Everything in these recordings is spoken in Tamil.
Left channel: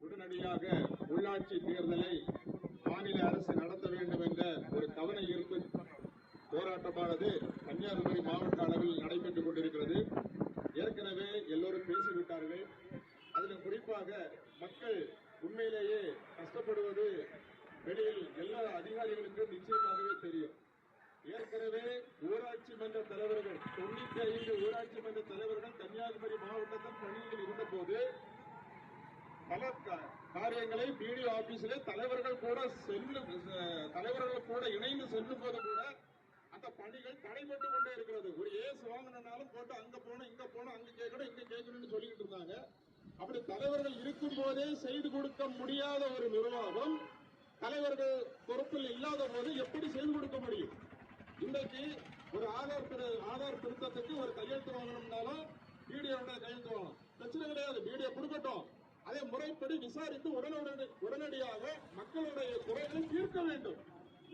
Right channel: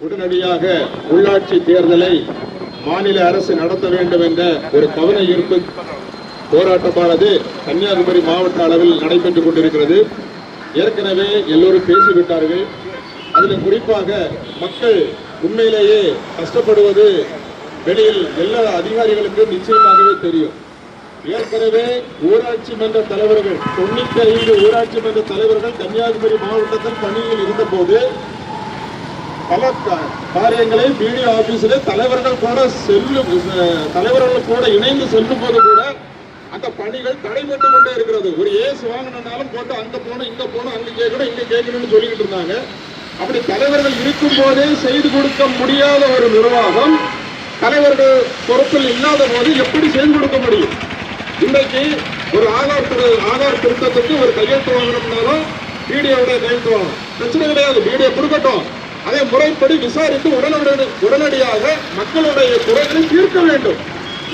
உடனடியாக உள்ளாட்சி தேர்தலை மாநில அரசு நடத்த வேண்டும் என்ற ஒரு கவன ஈர்ப்பு போராட்டமானது கன்னியாகுமரி மாவட்ட அளவில் நடைபெற்றுக் கொண்டிருக்கிறது. ஏற்கனவே எல்லோரும் பேசிவிட்டார்கள். அதில் குறிப்பாக மக்கள் உண்மையிலேயே கஷ்டப்படுவது வெளியில் எல்லா அதிகாரிகளுக்கும் நிச்சயமாகவே தெரியும். ஏற்கனவே ஊராட்சி மன்ற தலைவர்கள் தொண்ணூத்தி ஐந்து ஊராட்சி மன்ற தலைவர்கள் கன்னியாகுமரி மாவட்டத்தில் பணியில் இருந்தபோது பல காரியங்களை பிடிஓ ஆபீஸில் தலைவர்கள் கூட செல்லும் தலைவர்கள் கூட இணைந்து செல்லும் போது கூட அந்த பணிகள் தடைபட்டு கொண்டே இருக்கிறது. ஒரு ஏசு வாங்கினாலும் போட்டு அங்கே போனோம் இங்கே போனோம் அங்கே கேட்கணும் இங்கே கேட்கணும்னு சொல்லிக்கிட்டு இருந்தாங்க. அப்படி தலைவர்கள் இருக்கும் போதே செய்து கொடுக்க முடியாத ஒரு நிர்வாகம் தலைவர்கள் பொறுப்பில் இல்லாத போது எப்படி செய்து கொடுக்க முடியும்? இன்றைக்கு ஒரு ஆதார் திரு- ஆதார் திருத்தத்துக்கு ஒரு கையெழுத்து வாங்கணும்னாலும் பிடிஓட கையெழுத்து வாங்கணும். பிரச்சனை கிடையாது. பிடிஓ கொடுக்கட்டும். அதை முறைப்படி விசாரித்து உடனடி உடனடியாக மக்களுடைய குறைகளை தீர்க்க வேண்டும்.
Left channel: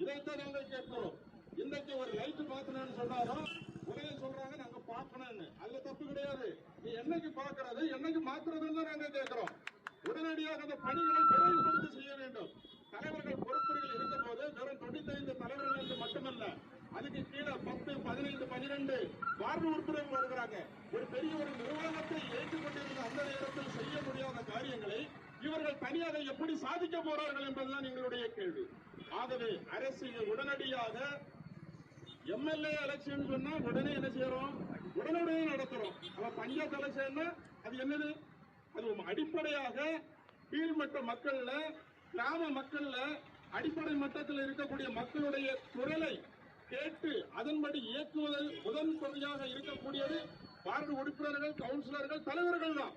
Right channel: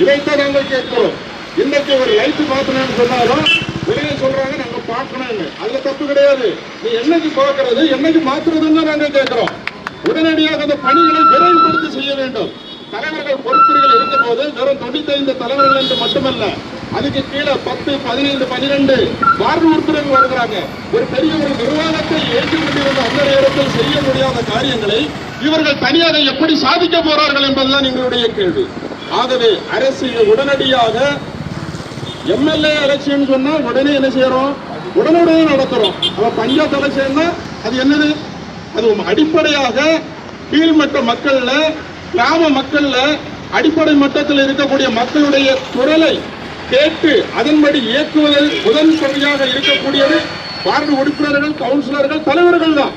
இதைத்தான் நாங்கள் கேட்கிறோம். இன்னைக்கு ஒரு லைட் மாத்தணும்னு சொன்னாலும் வெளியே சொல்றாங்க நாங்க பார்க்கணும் அதுல தப்பு கிடையாது. நீ என்னைக்கு பார்க்கறது என்னைக்கு மாத்துறதுன்னு நாங்கள் நாங்க கேட்கிறோம். உடனடியாக அந்த பணிகளை விரைவுபடுத்தி செய்ய வேண்டும். தலைவர்கள் பொறுப்புகள் இருந்த போது வெறும் தொண்ணூத்தைந்து தலைவர்கள் என்று மட்டுமல்ல அதுக்கு கீழே பத்து பதினைந்து பனிரெண்டு வார்டு உறுப்பினர்கள் வருகிறாங்க. ஒரு பெரிய ஒரு நிர்வாகத்தை ஏற்றுக் கொண்டிருந்த அந்த நேரத்தில் செய்ய முடியாத காரியங்களை இவர்கள் தனியாக எப்படி சாதிக்க போறார்கள் என்பதுதான் எங்களுடைய கேள்வி. ஆகவே அரசு உடனடியாக எம்எல்ஏ எலெக்ஷன் சொன்னா உடனே என்ன செய்யறோம்? உடனுடனே நடத்துறோம். அப்ப பஞ்சாயத்து எலெக்ஷன்னா அது என்னது? அது அடிப்படையாக கீழ்மட்ட மக்கள்ல கிராம மக்கள்ல அடிப்படை மட்டத்தில் இருக்கக்கூடிய மக்களுடைய குரலை கேட்டு அதன்படி இயக்குவதில் முதல் பகுதியாக இருக்கக்கூடியது வார்டு உறுப்பினர்கள் கவுன்சிலர்கள் தலைவர்கள் தான்.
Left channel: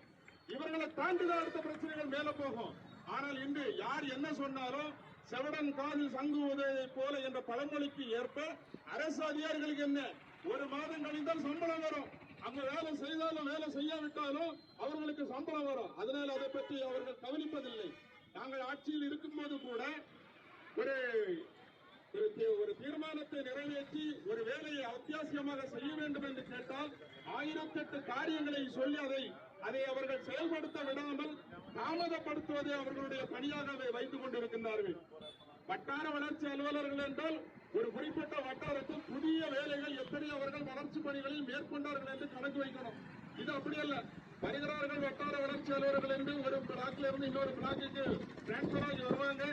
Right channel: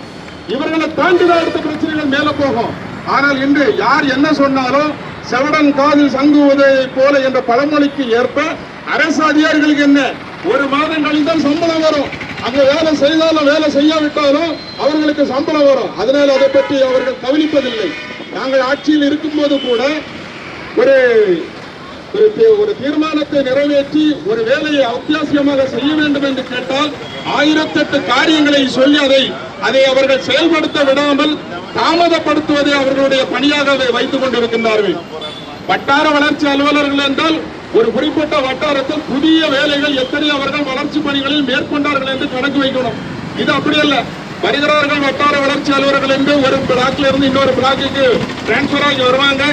இவர்களை தாண்டிதான் அடுத்த பிரச்சனைகள் மேல போகும். ஆனால் இன்று யார் என்ன சொன்னாலும் செவடன் காதில் சங்குவதை போல என்ற பழமொழிக்கு ஏற்ப அரசு அதிகாரிகளுக்கு என்ன? ஒரு மாதம் கழிந்தால் சம்பளம் வரும். அங்க வேலை செய்தாலும் வேலை செய்யாவிட்டாலும் அவர்களுக்கு சம்பளம் வரும். அதனால் அதை பற்றி அவர்கள் கவனிப்பதில்லை. நாங்கள் ஆட்சியில் இருக்கும்போது கூட ஒரு ஒரு ஒரு தீர்மானத்தை நிறைவேற்றி ஒரு வேலையை அத்தியாவசியமாக செய்ய வேண்டும் என்று கேட்டால் ஆயிரத்தெட்டு காரியங்களை சொல்லி அதை அதை அவர்கள் செயல்படுத்த விடாமல் தாமதப்படுத்துவதை அவர்களுடைய பணியாக அதை வைத்துக் கொண்டிருக்கின்றார்கள். வட்டார வளர்ச்சி அலுவலர்கள் என்றால் ஒரு குறிப்பிட்ட வட்டாரத்தில் புதிய வேலைகள் எத்தனை அவர்கள் வளர்ச்சி பணிகளில் மேற்கொண்டார்கள் என்று கணக்கு வைக்கணும். இது அப்படி அல்ல. வருகிறார்கள் வட்டார வளர்ச்சி அலுவலர்கள் என்று ஒரு பிளாக்ல இருந்து இன்னொரு பிளாக்குக்கு டிரான்ஸ்பர் ஆகி வருவாங்க.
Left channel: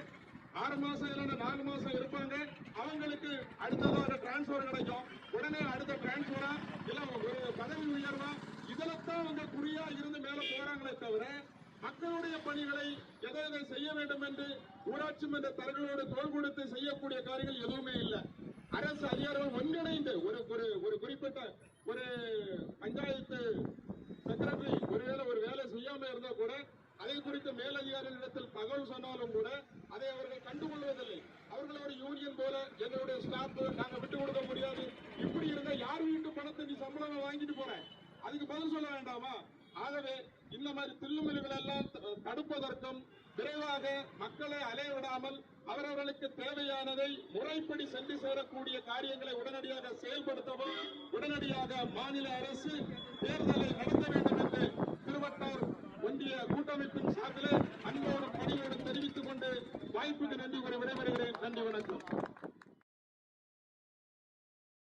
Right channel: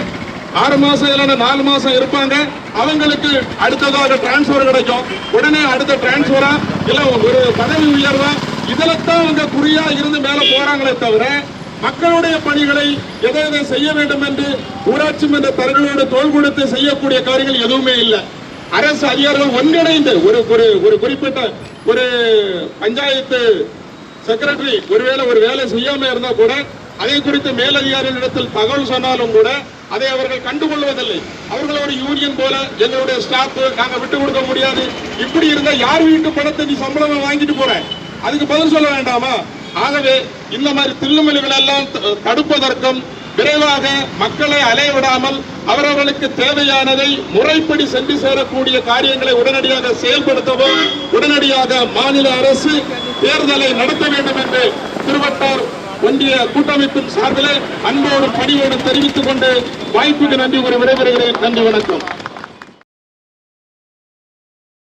ஆறு மாசம் இல்லைன்னா நாலு மாசம் இருப்பாங்க. அவங்களுக்கு அடுத்ததாக டிரான்ஸ்பர் கிடைக்கும். உடனே அடுத்த டிரான்ஸ்பரா இல்ல ஒரு பதவி உயர்வா? இதுல தான் அவங்க குறியா இருந்து மேல போறாங்களே தவிர மக்களுடைய பணிகளை எதை எதை செய்ய வேண்டும் என்று ஊராட்சி மன்ற தரங்களோடு தோல் கொடுத்து செய்யக்கூடிய காரியங்கள் எதுவுமே இல்லை. அரசு அதிகாரிகள் ஒன்றிணைந்து ஒரு ஒரு ஒரு குறிப்பிட்ட ஒரு பஞ்சாயத்து செக்ரட்டரி ஒருவேளை ஒரு வேலை செய்யாம இருந்தா கூட அதை குறித்து மேலதிகாரிகளிடத்தில் தகவல் சொன்னாலும் கூட அதை அவர்கள் கண்டுகொள்வதில்லை. அவர்கள் ஒரு யூனியன் போல எங்களுடைய ஸ்டாஃப் நாங்க விட்டு கொடுக்க முடியாது. இப்படி இருந்தா யார் வீட்டு பணத்தை நீ சம்பளம் வாங்கிட்டு போற? அதுக்கு பதில் சொல்ல வேண்டாமா? ஆகவே இந்த மாதிரி தில்லுமலிகள் எல்லாம் தடுப்பதற்கும் விரைவாக மக்களை அலைவிடாமல் அவரவர்களுக்கு தேவையானதை முறைப்படி சென்று சேரக்கூடிய காரியங்களை உடனடியாக செயல்படுத்தவும் உடனடியாக மாநில அரசு தேர்தலை நடத்த வேண்டும் என்று திருவட்டார் ஒன்றிய கூட்டமைப்பின் சார்பில் அன்போடும் பணியோடும் தெரிவித்துக் கொண்டு வாய்ப்புக்கு நன்றி கூறி விடைபெறுகிறேன். நன்றி வணக்கம்.